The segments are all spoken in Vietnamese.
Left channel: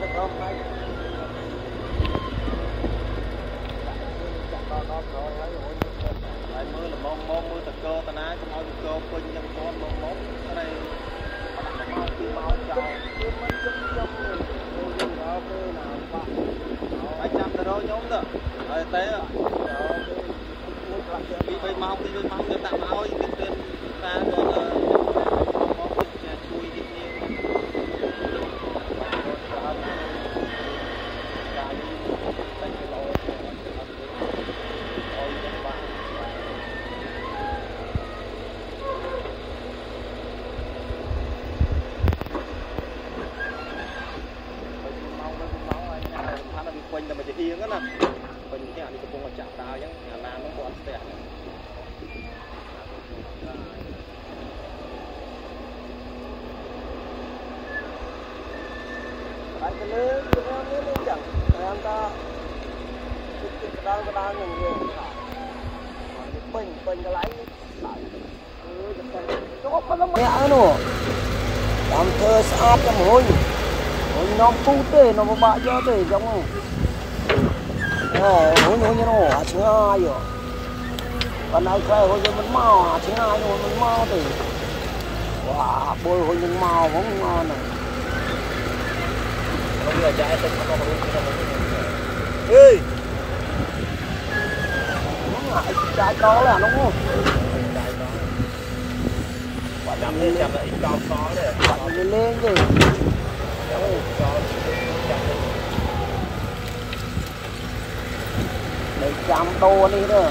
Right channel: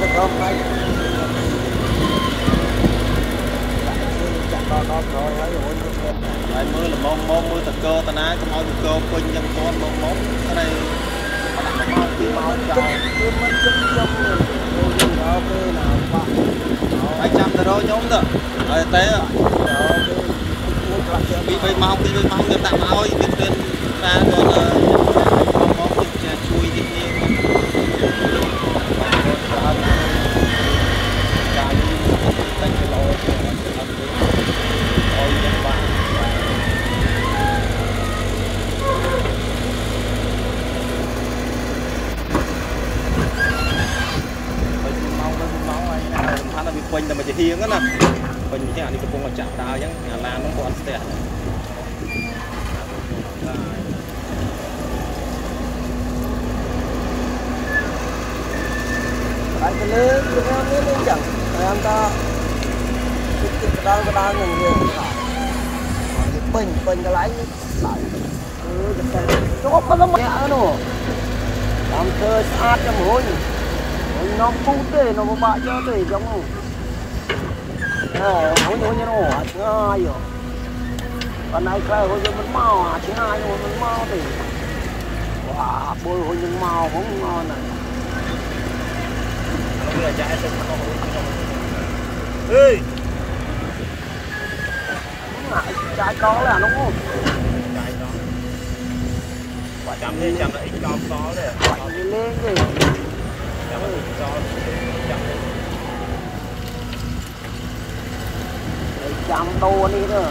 mưa là mưa thật cơ ta ná cái máu thật cơ quên nhân con món cái này máu trời mấy trăm rồi nhóm đó rồi té bị máu người ta máu biết tên ra còn máu chui gì quanh là mình chỉ hiên á nè quanh cái này cũng là chạm đào chứ nhà làm nó còn tẹt anh cái lớn chẳng em ta cái đang nhiều bình cái lái lại chốt nó mất nữa anh chơi sát cái mồm nó phun cái nó bạ cho cái giống nó chưa ai rồi còn này cái hồi nó mau chứ ai hồi nó mau thì bôi hồi nó mau cũng ngon ê trái đó là nó không quả trăm lên trăm là ít cao khó đấy à lên thì chẳng to đi nữa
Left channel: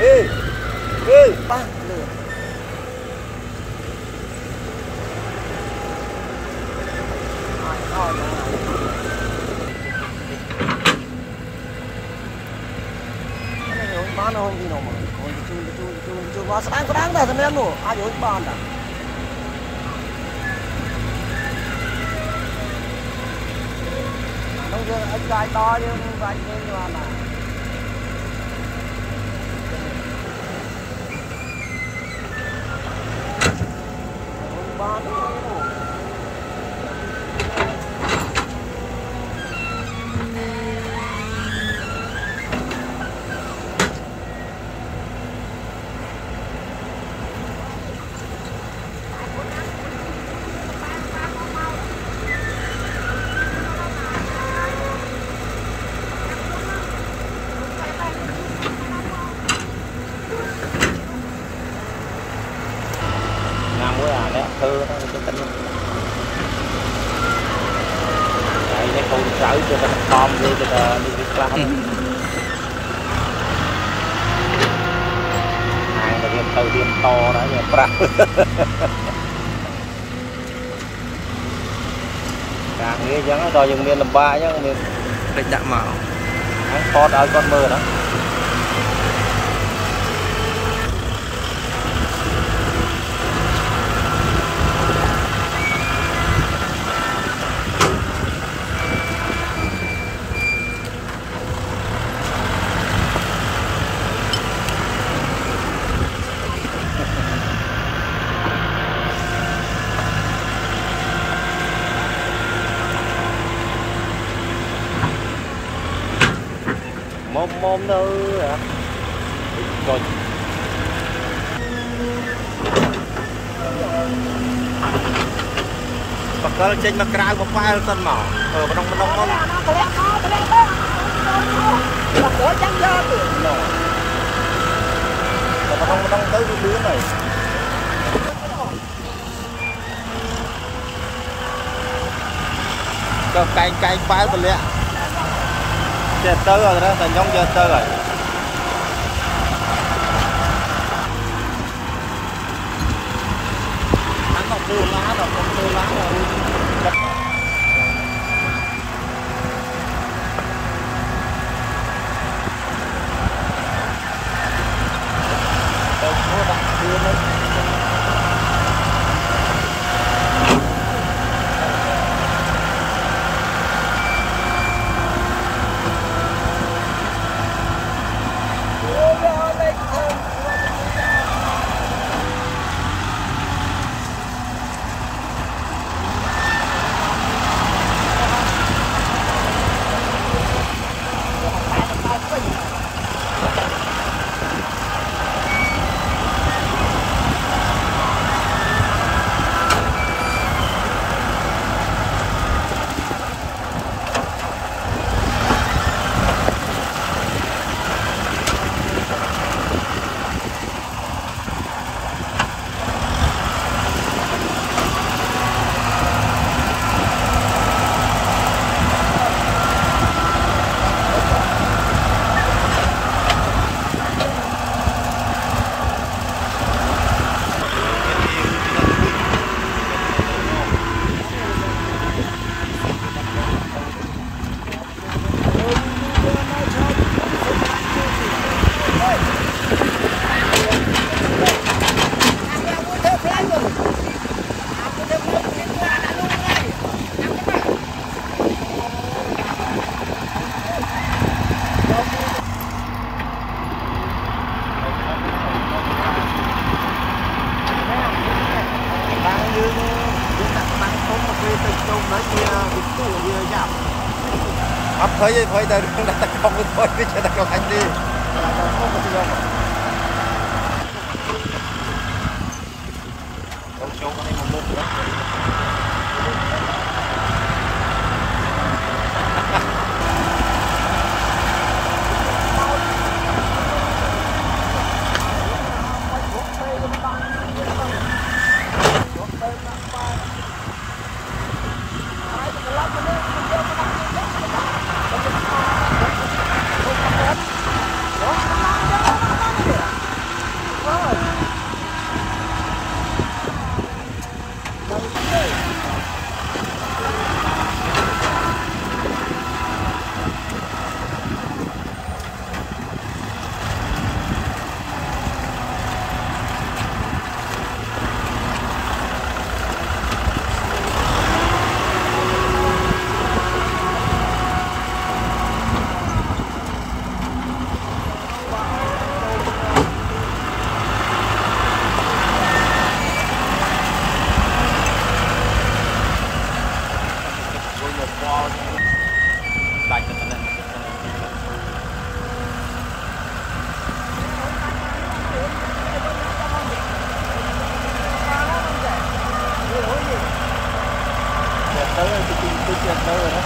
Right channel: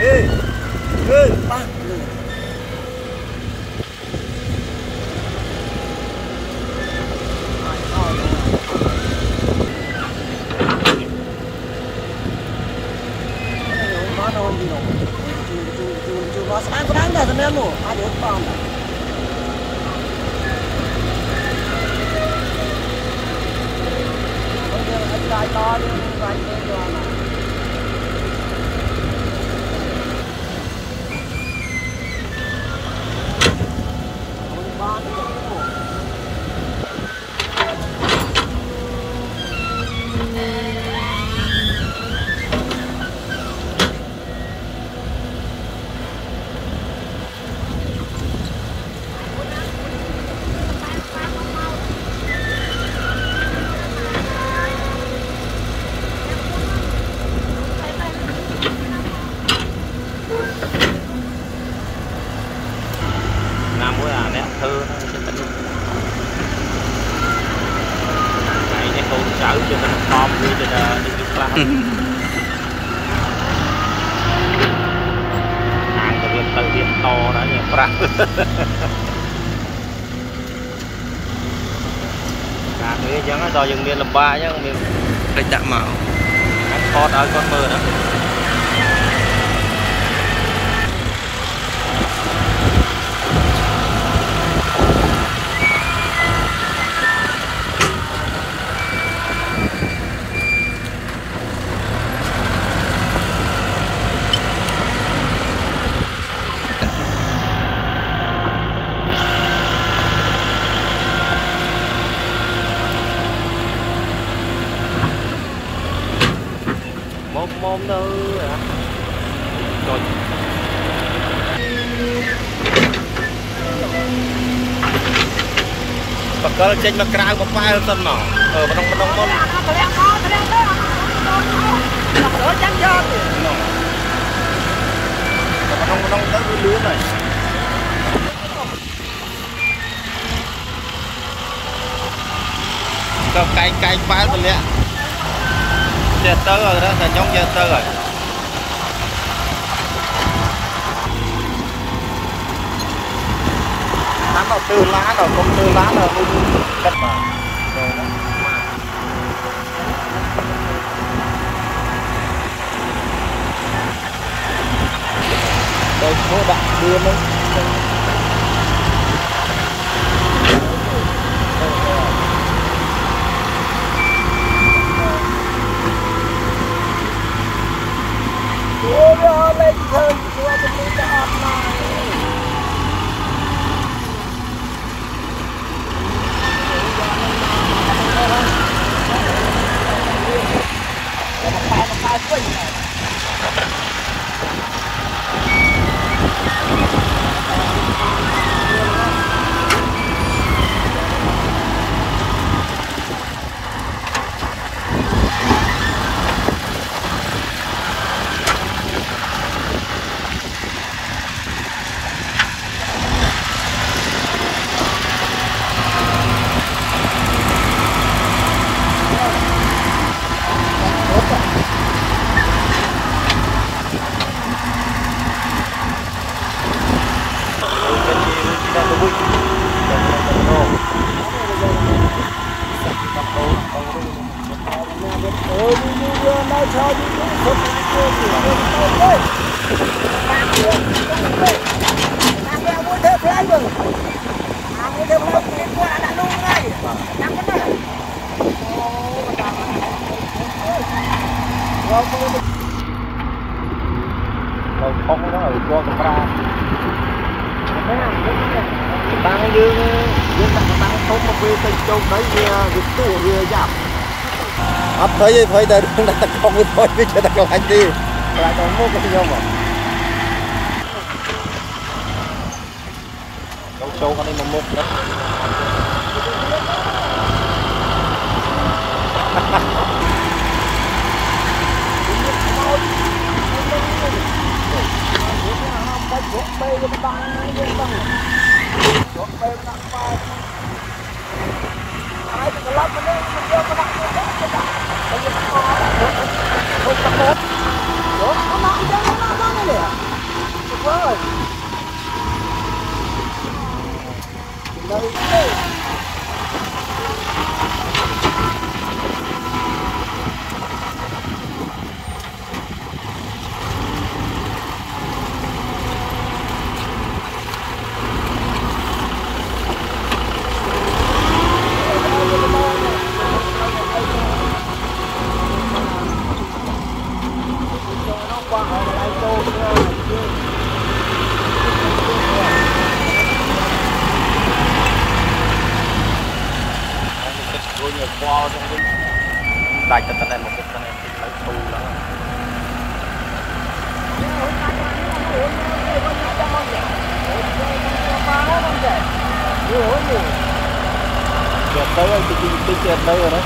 ê băng liền nó không đi đâu chú nó sáng có đáng là thằng em luôn ai đối bàn à bây giờ anh lại to đi anh lên rồi mà cái giống đó dùng miền làm ba nhá miền địch đạm màu kho đào con mưa đó có trên mặt cào có phai tân nọ ở bên đông môn đông tới lúa này có cay phai rồi lẹ chết tới rồi đó là nhóm chết tới rồi từ lá rồi con từ lá là đất đây các bạn đưa lên tủ như giảm thấy ta đang tập không muốn thấy biết cho ta không anh đi và còn mua một người con số con đi một mất lại cái này một cái này tới anh chị đâu rồi đó